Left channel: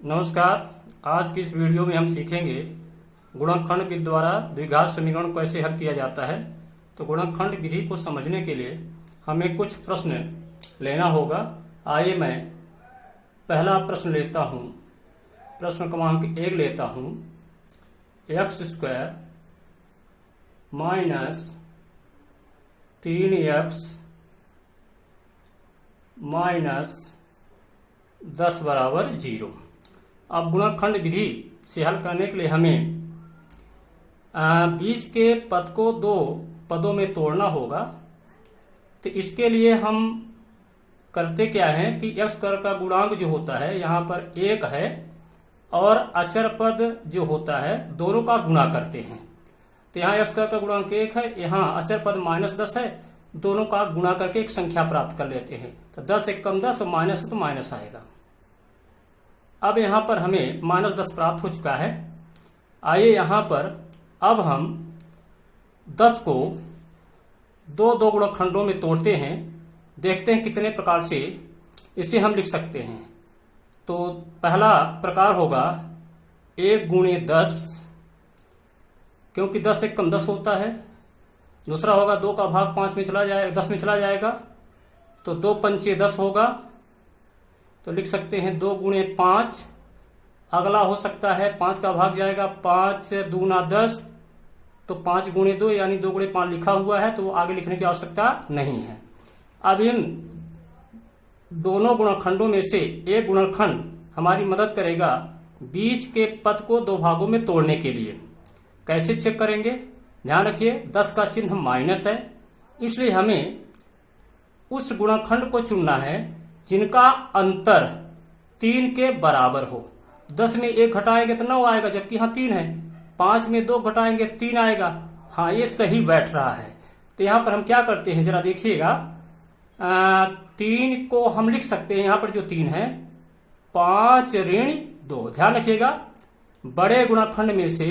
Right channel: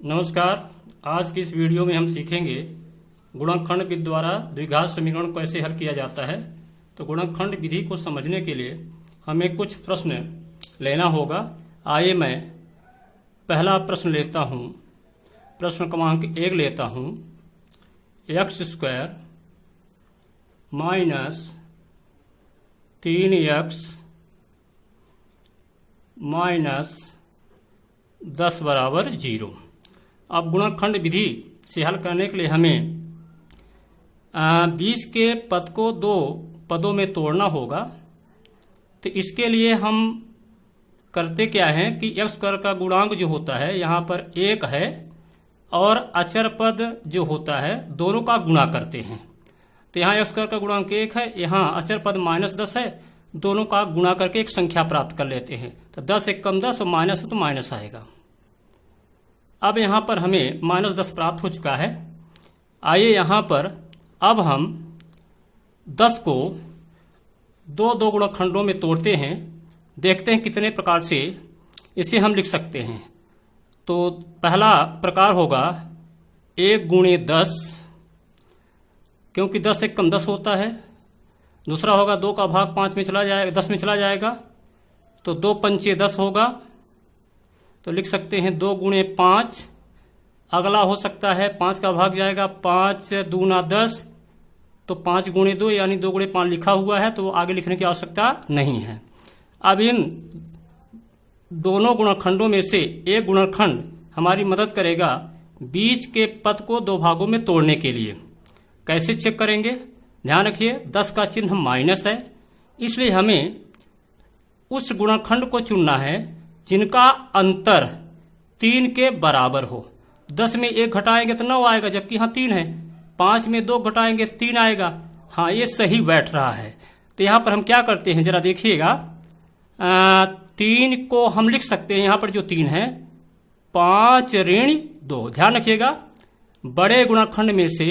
नमस्कार। आज की इस वीडियो में हम सीखेंगे गुणनखंड विधि द्वारा द्विघात समीकरण को कैसे हल किया जाता है। तो गुणनखंड विधि को समझने के लिए हमें कुछ प्रश्न लेना होगा। आइए मैं पहला प्रश्न लेता हूं। प्रश्न क्रमांक 1 लेता हूं। X square minus 3x minus 10 बराबर 0। अब गुणनखंड विधि से हल करने के लिए हमें 20 के पद को दो पदों में तोड़ना होगा। तो इसके लिए हम करते क्या है कि एक्स स्क्वायर का गुणांक जो होता है यहाँ पर 1 है और अचर पद जो होता है दोनों का गुणा करते हैं। तो यहाँ एक्स स्क्वायर का गुणांक 1 है, यहाँ अचर पद -10 है, दोनों का गुणा करके एक संख्या प्राप्त कर लेते हैं। तो 10 एक कम 10 और माइनस है तो माइनस आएगा। अब यहाँ पर हमें -10 प्राप्त हो चुका है। आइए यहाँ पर अब हम 10 को दो गुणनखंडों में तोड़ते हैं। देखते हैं कितने प्रकार से इसे हम लिख सकते हैं। तो पहला प्रकार होगा 1 गुणे 10, क्योंकि 10 एक कम 10 होता है। दूसरा होगा 2 का भाग 5 में चला जाएगा, 10 में चला जाएगा, तो 2 पंचे 10 होगा। तो लिख सकते हैं 2 गुणे 5। अगला हो सकता है 5 का भाग जाएगा, 5 दूना 10, तो 5 गुणे 2 यानी 2 गुणे 5 लिखा हुआ है, तो आगे लिखने की आवश्यकता नहीं है। अब इन दोनों गुणनखंडों में से एक गुणनखंड हमारी मदद करेगा बीच के पद को दो भागों में तोड़ने के लिए। कैसे चेक करेंगे? ध्यान रखिए 10 का चिन्ह माइनस है, इसलिए हमें उस गुणनखंड को चुनना है जिनका अंतर 3 के बराबर हो। 10 में 1 घटाएंगे तो 9 आएगा, जबकि यहाँ 3 है। 5 में 2 घटाएंगे 3 आएगा। हाँ, ये सही बैठ रहा है। तो यहाँ पर हम क्या करते हैं जरा देखिएगा। 3 को हम लिख सकते हैं, यहाँ पर जो 3 है 5 ऋण 2। ध्यान रखिएगा बड़े गुणनखंड में से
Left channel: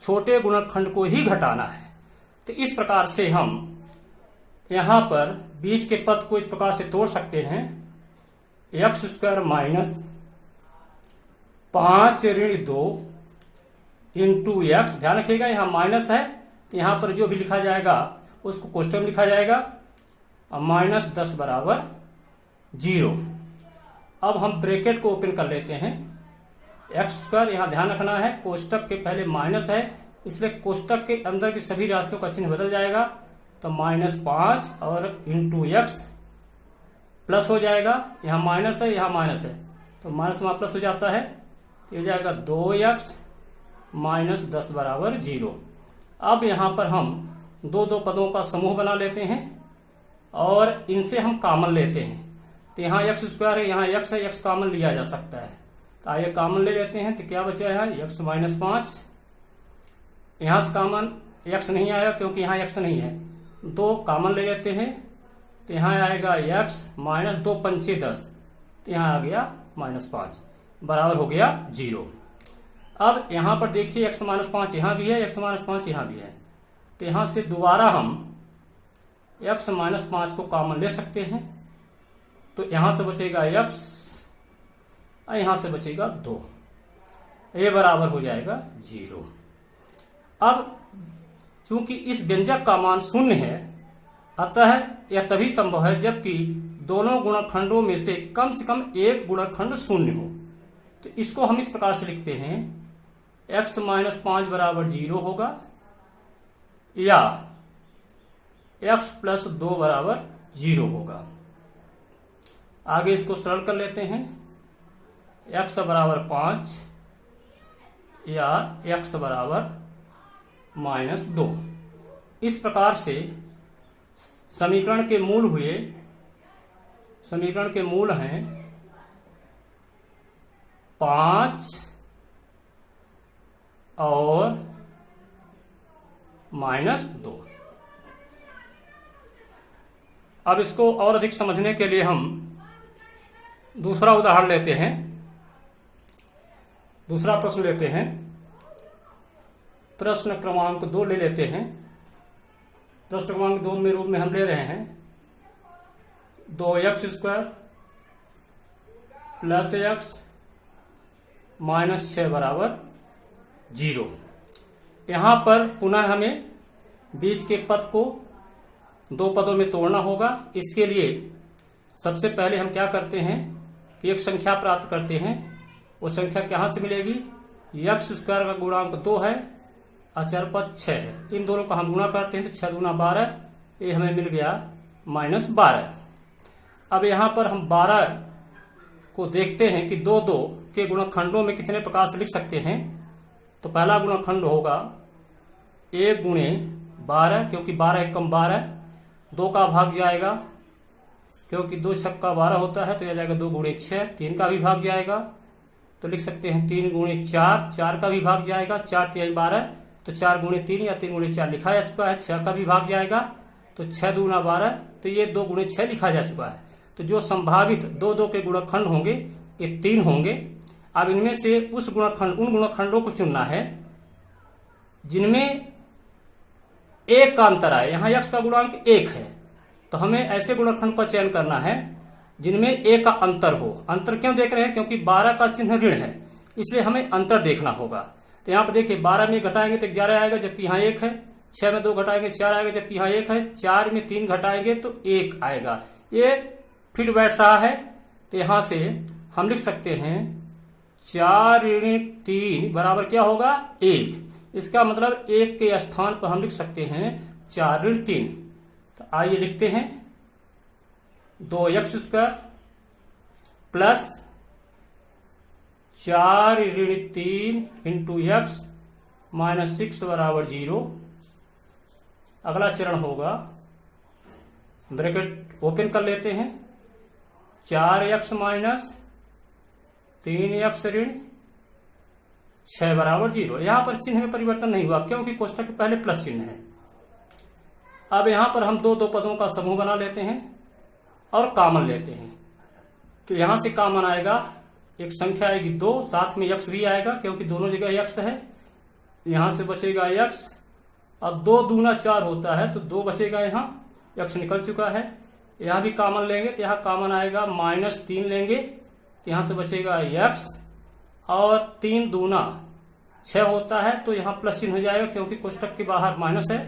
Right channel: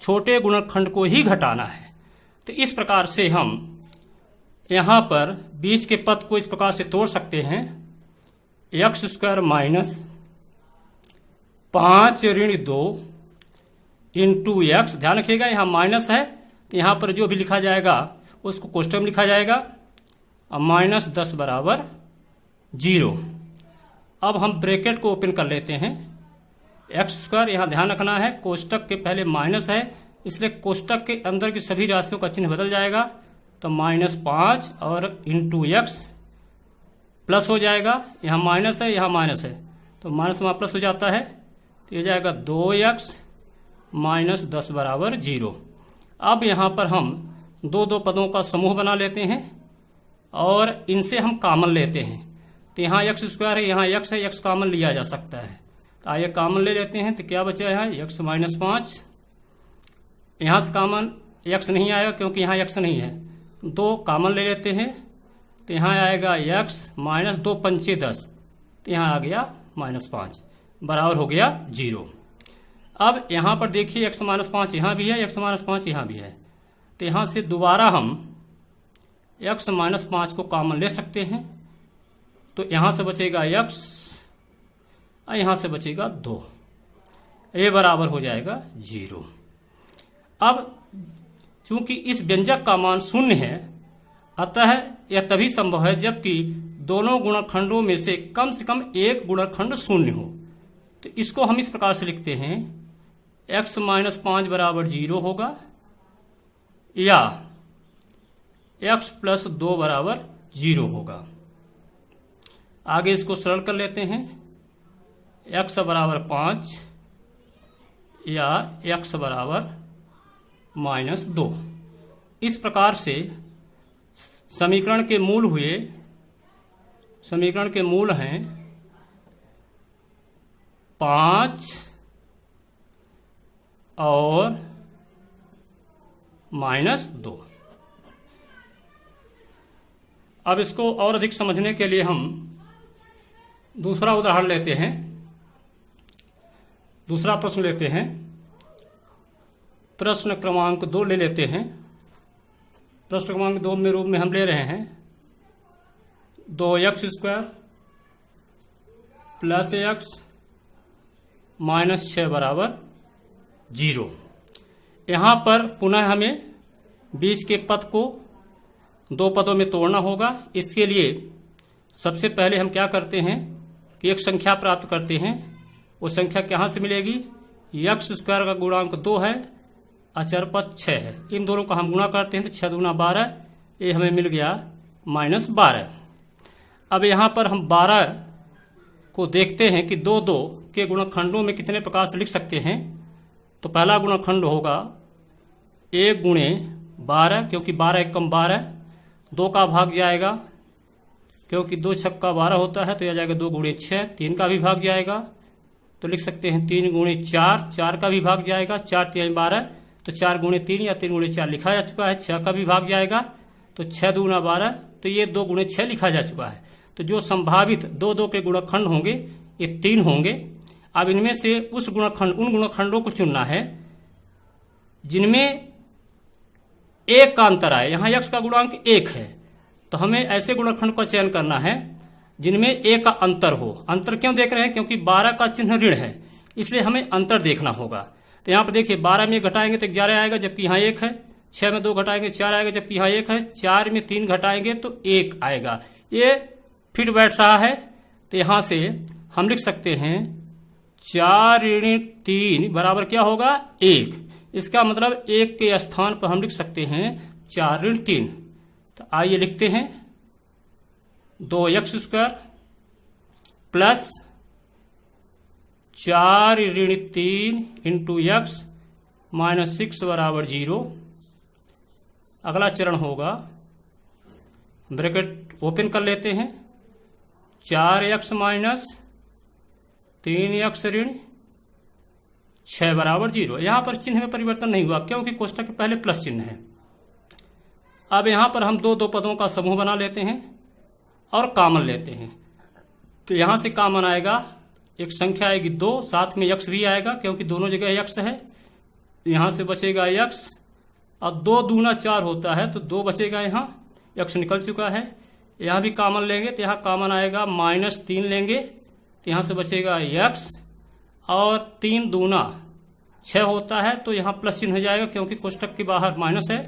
छोटे गुणनखंड को ही घटाना है। तो इस प्रकार से हम यहाँ पर बीच के पद को इस प्रकार से तोड़ सकते हैं। एक्स स्क्वायर माइनस 5 ऋण 2 इंटू एक्स। ध्यान रखिएगा यहाँ माइनस है, तो यहाँ पर जो भी लिखा जाएगा उसको कोष्टक में लिखा जाएगा, और -10 बराबर 0। अब हम ब्रैकेट को ओपन कर लेते हैं। एक्स स्क्वायर यहाँ ध्यान रखना है कोष्टक के पहले माइनस है, इसलिए कोष्टक के अंदर की सभी राशियों का चिन्ह बदल जाएगा। तो -5 और इंटू एक्स प्लस हो जाएगा। यहाँ माइनस है, यहाँ माइनस है, तो माइनस वहाँ प्लस हो जाता है, तो ये जाएगा 2x -10 बराबर 0। अब यहाँ पर हम दो पदों का समूह बना लेते हैं और इनसे हम कॉमन लेते हैं। तो यहाँ एक्स स्क्वायर है, यहाँ x है, x कॉमन लिया जा सकता है। तो आइए कॉमन ले लेते हैं। तो क्या बचा है x -5। यहाँ से कॉमन x नहीं आया क्योंकि यहाँ x नहीं है, 2 कॉमन ले लेते हैं। तो यहाँ आएगा x -2 पंचे 10, तो यहाँ आ गया -5 बराबर हो गया 0। अब यहाँ पर देखिए x -5 यहाँ भी है, x -5 यहाँ भी है। तो यहाँ से दोबारा हम x -5 को कॉमन ले सकते हैं। तो यहाँ से बचेगा x और यहाँ से बचेगा 2, ये बराबर हो जाएगा 0। अब चूंकि इस व्यंजक का मान 0 है, अतः यह तभी संभव है जबकि दोनों गुणनखंडों में से कम एक गुणनखंड 0 हो। तो इसको हम इस प्रकार से लिखते हैं x -5 बराबर 0 होगा, या x + 2 बराबर 0 होगा। आगे इसको सरल कर लेते हैं। x बराबर 5 या x बराबर -2। इस प्रकार से समीकरण के मूल हैं 5 और -2। अब इसको और अधिक समझने के लिए हम दूसरा उदाहरण लेते हैं, दूसरा प्रश्न लेते हैं। प्रश्न क्रमांक 2 ले लेते हैं। प्रश्न क्रमांक 2 में रूप में हम ले रहे हैं 2x² + x -6 बराबर 0। यहाँ पर पुनः हमें बीच के पद को दो पदों में तोड़ना होगा। इसके लिए सबसे पहले हम क्या करते हैं कि एक संख्या प्राप्त करते हैं। वो संख्या कहाँ से मिलेगी? x स्क्वायर का गुणांक 2 है, अचर पद 6 है। इन दोनों का हम गुणा करते हैं तो 6 दूना 12, ये हमें मिल गया -12। अब यहाँ पर हम 12 को देखते हैं कि 2 के गुणनखंडों में कितने प्रकार से लिख सकते हैं। तो पहला गुणनखंड होगा 1 गुणे 12, क्योंकि 12 एकम 12, 2 का भाग जाएगा क्योंकि 2 छक्का 12 होता है, तो यह जाएगा 2 गुणे 6, 3 का भी भाग जाएगा तो लिख सकते हैं 3 गुणे 4, 4 का भी भाग जाएगा, 4 3 12, तो 4 गुणे 3 या 3 गुणे 4 लिखा जा चुका है, 6 का भी भाग जाएगा तो 6 दूना 12, तो ये 2 गुणे 6 लिखा जा चुका है। तो जो संभावित 2 के गुणनखंड होंगे ये 3 होंगे। अब इनमें से उन गुणनखंडों को चुनना है जिनमें 1 का अंतर आए। यहाँ x का गुणांक 1 है, तो हमें ऐसे गुणनखंड का चयन करना है जिनमें 1 का अंतर हो। अंतर क्यों देख रहे हैं? क्योंकि 12 का चिन्ह ऋण है, इसलिए हमें अंतर देखना होगा। तो यहाँ पर देखिए 12 में घटाएंगे तो 11 आएगा, जबकि यहाँ 1 है। 6 में 2 घटाएंगे 4 आएगा, जबकि यहाँ 1 है। 4 में 3 घटाएंगे तो 1 आएगा। ये फिट बैठ रहा है, तो यहाँ से हम लिख सकते हैं 4 ऋण 3 बराबर क्या होगा? 1। इसका मतलब 1 के स्थान पर हम लिख सकते हैं 4 ऋण 3। तो आइए लिखते हैं 2x स्क्वायर प्लस 4 ऋण 3 इंटू x -6 बराबर 0। अगला चरण होगा, ब्रैकेट ओपन कर लेते हैं, 4x माइनस 3x ऋण 6 बराबर 0। यहां पर चिन्ह में परिवर्तन नहीं हुआ क्योंकि कोष्ठक के पहले प्लस चिन्ह है। अब यहां पर हम दो पदों का समूह बना लेते हैं और कॉमन लेते हैं। तो यहां से कॉमन आएगा, एक संख्या आएगी 2, साथ में x भी आएगा क्योंकि दोनों जगह x है। यहां से बचेगा x। अब 2 दूना 4 होता है तो 2 बचेगा, यहाँ x निकल चुका है। यहाँ भी कॉमन लेंगे तो यहाँ कॉमन आएगा -3 लेंगे तो यहाँ से बचेगा x, और 3 दूना 6 होता है तो यहाँ प्लस चिन्ह हो जाएगा क्योंकि कोष्ठक के बाहर माइनस है।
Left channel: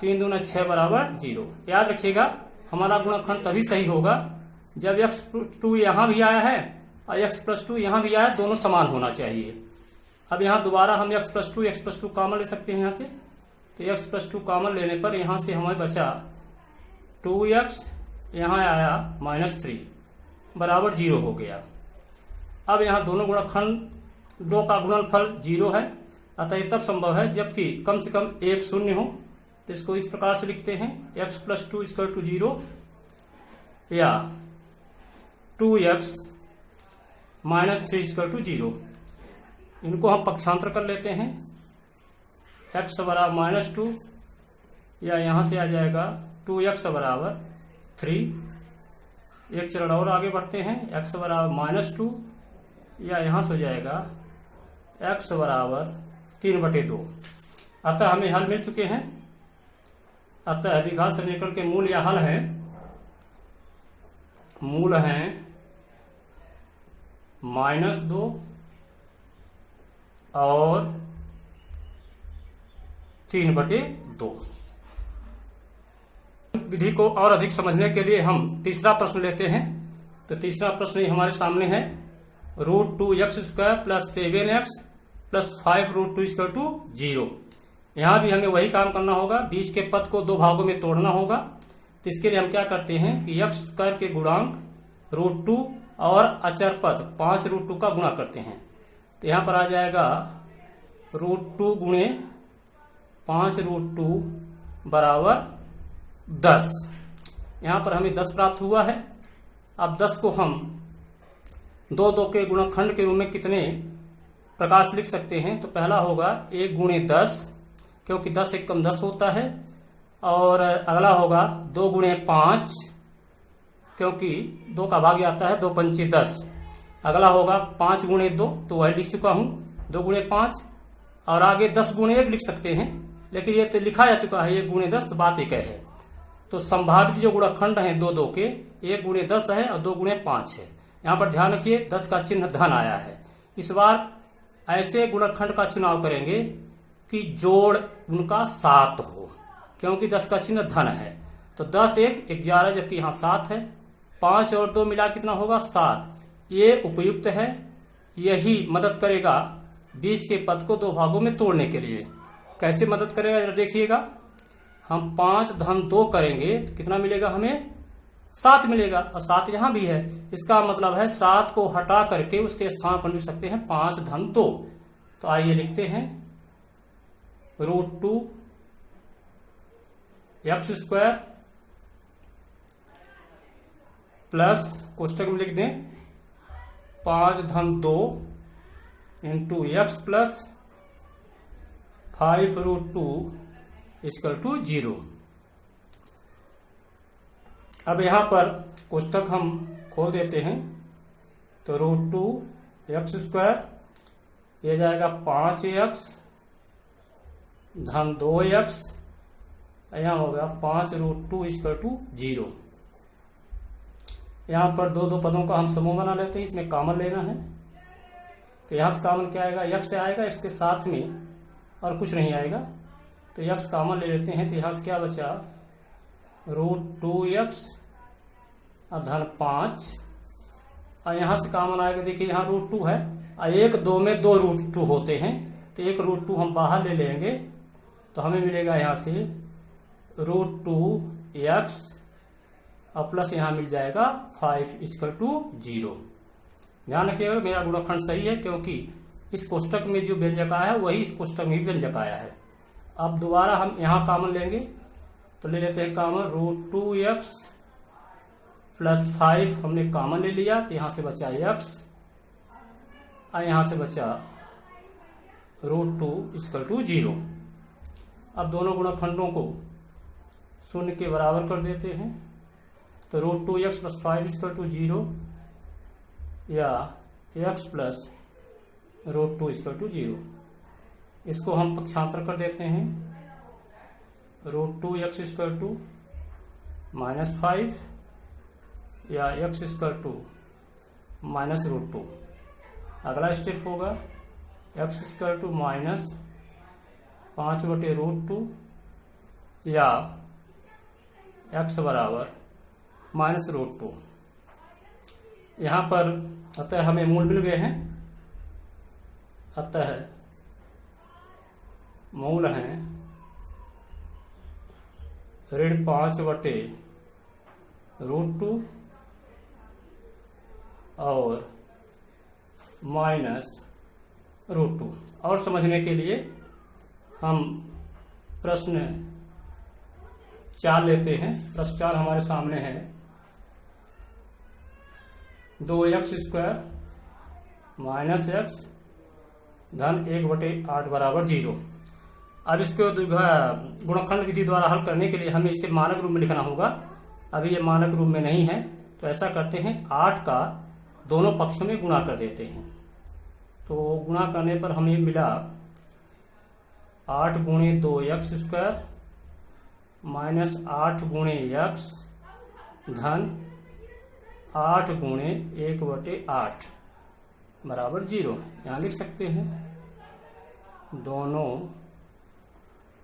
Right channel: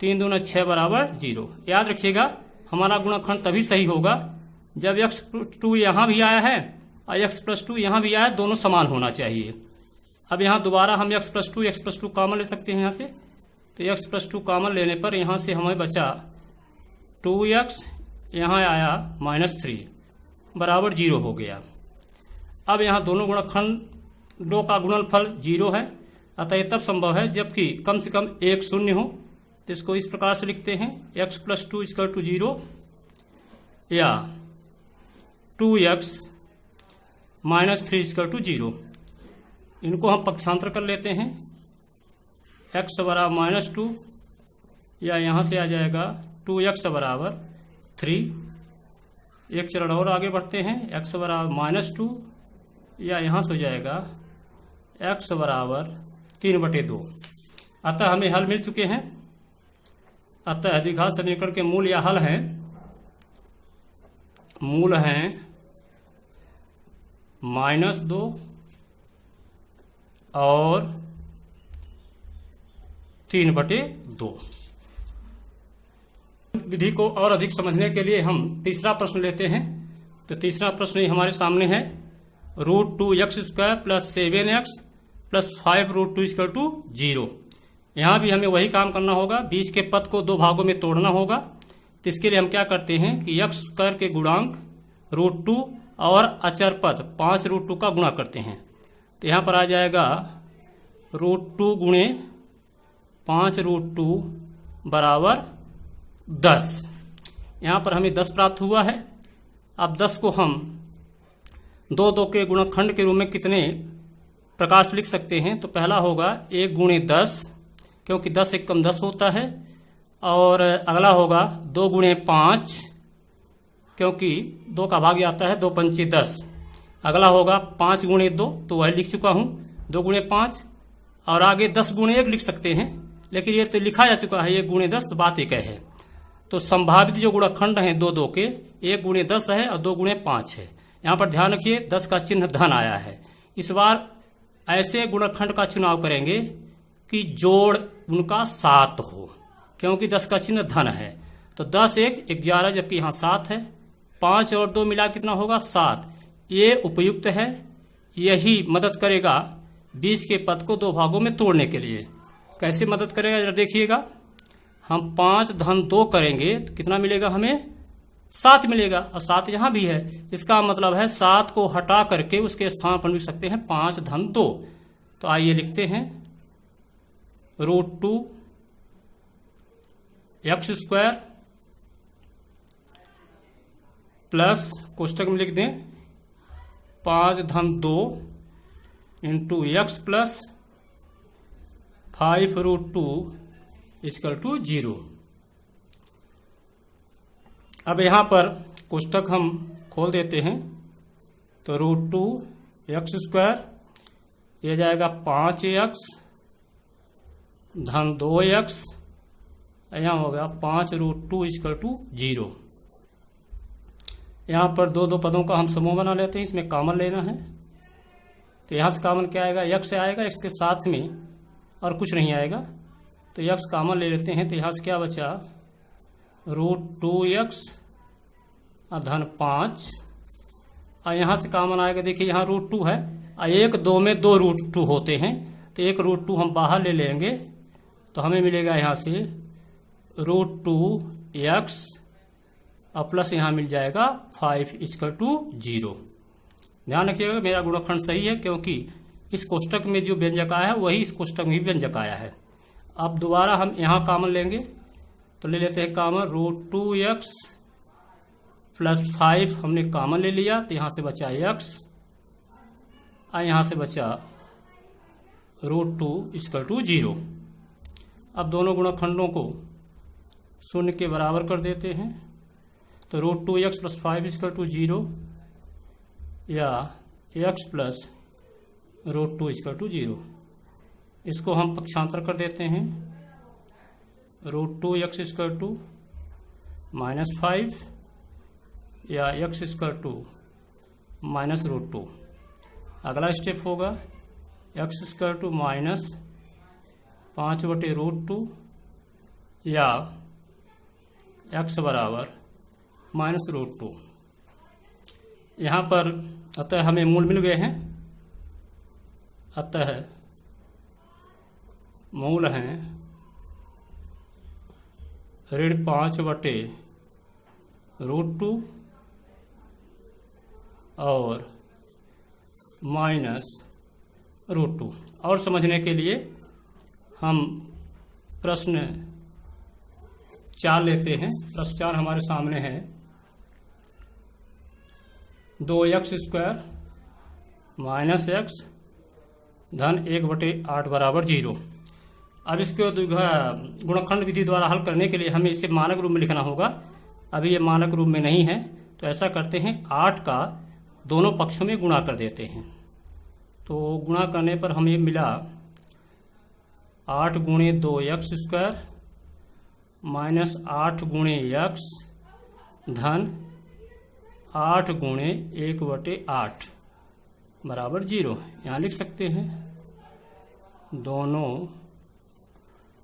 3 दूना 6 बराबर 0। याद रखिएगा हमारा गुणनखंड तभी सही होगा जब x2 यहाँ भी आया है और x+2 यहाँ भी आया, दोनों समान होना चाहिए। अब यहाँ दोबारा हम x+2 कॉमन ले सकते हैं यहाँ से। तो x+2 कॉमन लेने पर यहाँ से हमें बचा 2x, यहाँ आया -3 बराबर 0 हो गया। अब यहाँ दोनों गुणनखंडों का गुणनफल 0 है, अतः यह तब संभव है जबकि कम से कम एक शून्य हो। इसको इस प्रकार से लिखते हैं x+2 = 0 या 2x -3 = 0। इनको हम पक्षांतर कर लेते हैं, x बराबर -2 या यहाँ से आ जाएगा 2x बराबर 3। एक चरण और आगे बढ़ते हैं, x बराबर -2 या यहाँ से हो जाएगा x बराबर 3/2। अतः हमें हल मिल चुके हैं। अतः द्विघात समीकरण के मूल या हल हैं, मूल हैं -2 और 3/2। विधि को और अधिक समझने के लिए हम तीसरा प्रश्न लेते हैं। तो तीसरा प्रश्न हमारे सामने है, √2x² + 7x + 5√2 = 0। यहाँ भी हमें वही काम करना होगा, बीच के पद को 2 भागों में तोड़ना होगा। तो इसके लिए हम क्या करते हैं कि x² के गुणांक √2 और अचर पद 5√2 का गुणा करते हैं। तो यहाँ पर आ जाएगा √2 गुणे 5√2 बराबर 10। यहाँ पर हमें 10 प्राप्त हुआ है। अब 10 को हम 2 के गुणनखंड के रूप में कितने प्रकार से लिख सकते हैं? तो पहला होगा 1 गुणे 10, क्योंकि 10 एकम 10 होता है। और अगला होगा 2 गुणे 5, क्योंकि 2 का भाग आता है, 2 पंचे 10। अगला होगा 5 गुणे 2, तो वह लिख चुका हूँ 2 गुणे 5। और आगे 10 गुणे 1 लिख सकते हैं, लेकिन ये तो लिखा जा चुका है 1 गुणे 10, तो बात एक है। तो संभावित जो गुणनखंड हैं 2 के, 1 गुणे 10 है और 2 गुणे 5 है। यहाँ पर ध्यान रखिए 10 का चिन्ह धन आया है, इस बार ऐसे गुणनखंड का चुनाव करेंगे कि जोड़ उनका 7 हो, क्योंकि 10 का चिन्ह धन है। तो 10 1 11, जबकि यहाँ 7 है। 5 और 2 मिला कितना होगा 7। ये उपयुक्त है, यही मदद करेगा 20 के पद को 2 भागों में तोड़ने के लिए। कैसे मदद करेगा जरा देखिएगा। हम 5 धन 2 करेंगे तो कितना मिलेगा हमें 7 मिलेगा, और 7 यहाँ भी है। इसका मतलब है 7 को हटा करके उसके स्थान पर लिख सकते हैं 5 धन 2। तो आइए लिखते हैं √2 x स्क्वायर प्लस कोष्टक में लिख दें 5 धन 2 इंटू x प्लस 5√2 = 0। अब यहाँ पर कोष्टक हम खोल देते हैं तो √2 x स्क्वायर ये जाएगा 5x धन 2x, यहाँ होगा 5√2 = 0। यहाँ पर दो पदों का हम समूह बना लेते हैं, इसमें कॉमन लेना है। तो यहाँ से कॉमन क्या आएगा, x आएगा, x के साथ में और कुछ नहीं आएगा, तो x कॉमन ले लेते हैं। तो यहाँ से क्या बचा √2x धन 5, और यहाँ से कॉमन आएगा। देखिए यहाँ √2 है, और 1 2 में 2 √2 होते हैं, तो एक √2 हम बाहर ले लेंगे, तो हमें मिलेगा यहाँ से √2x और प्लस यहाँ मिल जाएगा 5 = 0। ध्यान रखिएगा मेरा गुणनखंड सही है, क्योंकि इस कोष्टक में जो व्यंजक आया है वही इस कोष्टक में भी व्यंजक आया है। अब दोबारा हम यहाँ कॉमन लेंगे, तो ले लेते हैं कॉमन √2x प्लस 5 हमने कॉमन ले लिया, तो यहाँ से बचा x और यहाँ से बचा √2 = 0। अब दोनों गुणनखंडों को 0 के बराबर कर देते हैं, तो √2x प्लस 5 = 0 या x प्लस √2 = 0। इसको हम पक्षांतर कर देते हैं, √2x = -5 या x = -√2। अगला स्टेप होगा x = -5/√2 या x बराबर -√2। यहाँ पर अतः हमें मूल मिल गए हैं, अतः मूल हैं -5/√2 और -√2। और समझने के लिए हम प्रश्न 4 लेते हैं। प्रश्न 4 हमारे सामने है 2x स्क्वायर माइनस x धन 1/8 बराबर 0। अब इसको गुणनखंड विधि द्वारा हल करने के लिए हमें इसे मानक रूप में लिखना होगा। अभी ये मानक रूप में नहीं है, तो ऐसा करते हैं 8 का दोनों पक्षों में गुणा कर देते हैं। तो गुणा करने पर हमें मिला 8 गुणे 2x स्क्वायर माइनस 8 गुणे x धन 8 गुणे 1/8 बराबर 0। यहाँ लिख सकते हैं दोनों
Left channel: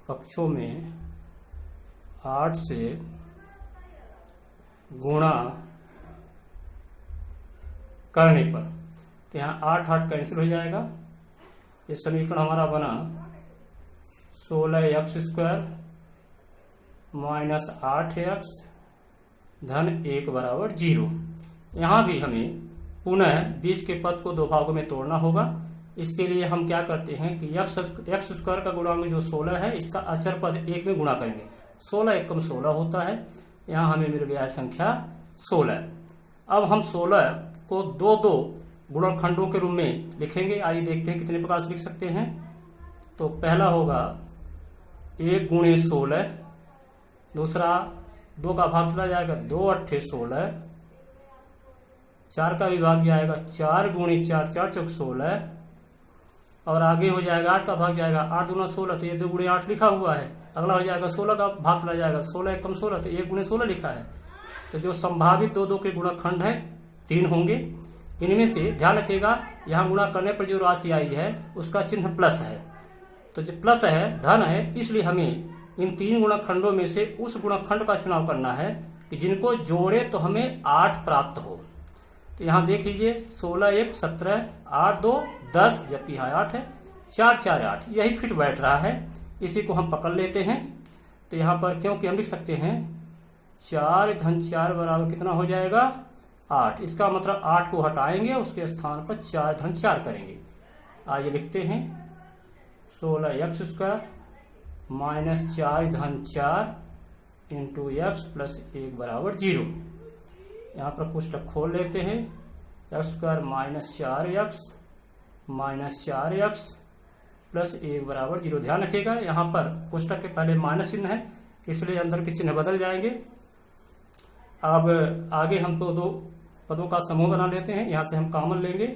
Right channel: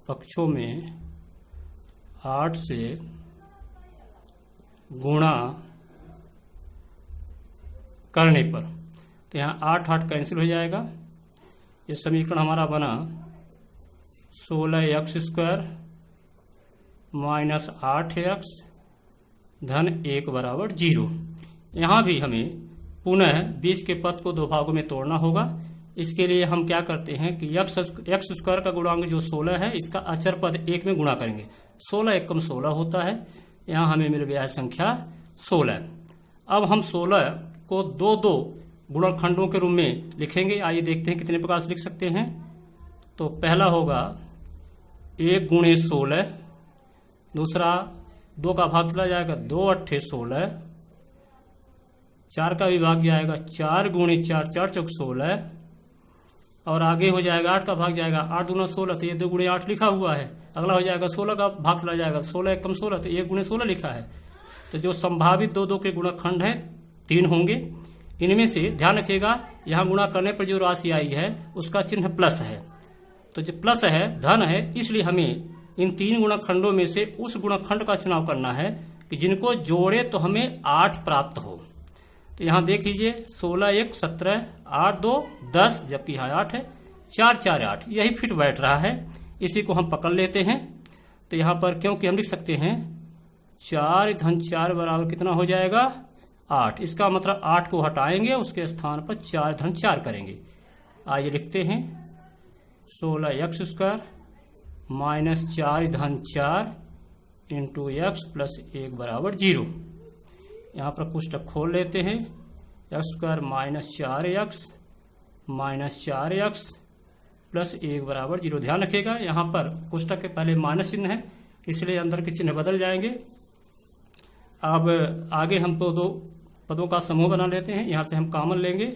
पक्षों में 8 से गुणा करने पर, तो यहाँ 8 कैंसिल हो जाएगा। ये समीकरण हमारा बना 16x स्क्वायर माइनस 8x धन 1 बराबर 0। यहाँ भी हमें पुनः 20 के पद को 2 भागों में तोड़ना होगा। इसके लिए हम क्या करते हैं कि x स्क्वायर का गुणांक जो 16 है, इसका अचर पद 1 में गुणा करेंगे। 16 × 16 होता है। यहाँ हमें मिल गया है संख्या 16। अब हम 16 को 2 गुणनखंडों के रूप में लिखेंगे। आइए देखते हैं कितने प्रकार से लिख सकते हैं। तो पहला होगा 1 गुणे 16, दूसरा 2 का भाग चला जाएगा 2 8 16, 4 का भी भाग जाएगा 4 गुणे 4 4 चौक 16, और आगे हो जाएगा 8 का भाग जाएगा 8 दूना 16, तो ये 2 गुणे 8 लिखा हुआ है। अगला हो जाएगा 16 का भाग चला जाएगा 16 × 16, तो 1 गुणे 16 लिखा है। तो जो संभावित 2 के गुणनखंड है 3 होंगे। इनमें से ध्यान रखिएगा यहाँ गुणा करने पर जो राशि आई है उसका चिन्ह प्लस है, तो जो प्लस है धन है, इसलिए हमें इन 3 गुणनखंडों में से उस गुणनखंड का चुनाव करना है कि जिनको जोड़े तो हमें 8 प्राप्त हो। तो यहाँ देख लीजिए 16 1 17, 8 2 10, जबकि यहाँ 8 है, 4 4 8, यही फिट बैठ रहा है। इसी को हम पकड़ लेते हैं। तो यहाँ पर क्योंकि हम लिख सकते हैं 4 धन 4 बराबर कितना हो जाएगा 8, इसका मतलब 8 को हटाएंगे, उसके स्थान पर 4 धन 4 करेंगे। आइए लिखते हैं 16x² माइनस 4 धन 4 इंटू एक्स प्लस 1 बराबर 0। यहाँ पर कोष्टक खोल लेते हैं, x² minus 4x minus 4x plus 1 बराबर 0। ध्यान रखिएगा यहाँ पर कोष्टक के पहले माइनस चिन्ह है, इसलिए अंदर के चिन्ह बदल जाएंगे। अब आगे हम तो 2 पदों का समूह बना लेते हैं, यहाँ से हम कॉमन लेंगे।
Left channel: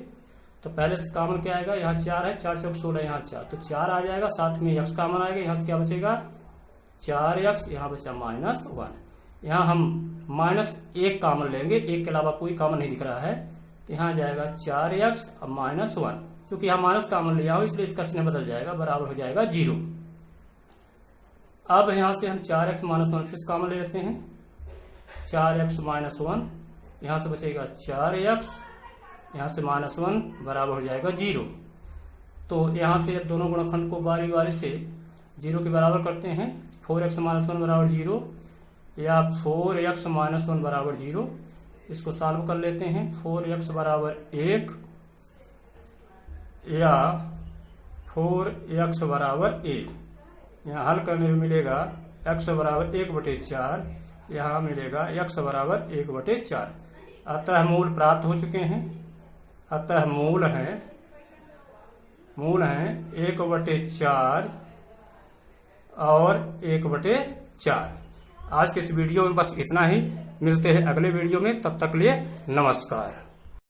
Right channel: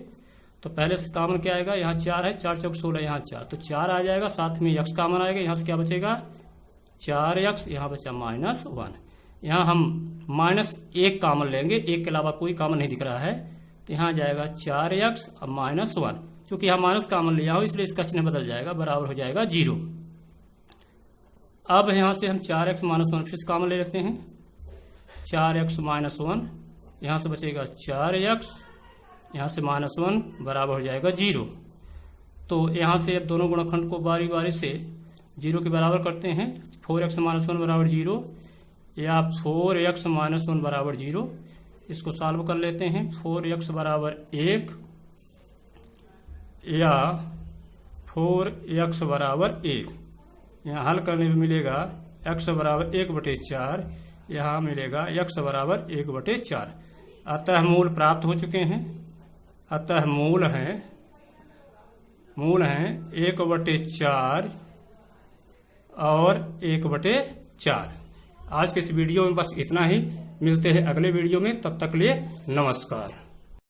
तो पहले से कॉमन क्या आएगा, यहाँ 4 है, 4 से 16, यहाँ 4, तो 4 आ जाएगा, साथ में x कॉमन आएगा, यहाँ से क्या बचेगा 4x, यहाँ बचा -1। यहाँ हम -1 कॉमन लेंगे, 1 के अलावा कोई कॉमन नहीं दिख रहा है, तो यहाँ जाएगा 4x और -1। चूंकि यहाँ माइनस कॉमन लिया हो इसलिए इसका चिन्ह बदल जाएगा, बराबर हो जाएगा 0। अब यहाँ से हम 4x -1 फिर कॉमन ले लेते हैं, 4x -1, यहाँ से बचेगा 4x, यहाँ से -1 बराबर हो जाएगा 0। तो यहाँ से अब दोनों गुणनखंड को बारी बारी से 0 के बराबर करते हैं। 4x -1 बराबर 0 या 4x -1 बराबर 0, इसको सॉल्व कर लेते हैं। 4x बराबर 1 या 4x बराबर 1, यहाँ हल करने में मिलेगा x बराबर 1/4, यहाँ मिलेगा x बराबर 1/4। अतः मूल प्राप्त हो चुके हैं। अतः मूल है 1/4 और 1/4। आज के इस वीडियो में बस इतना ही, मिलते हैं अगले वीडियो में, तब तक लिए नमस्कार।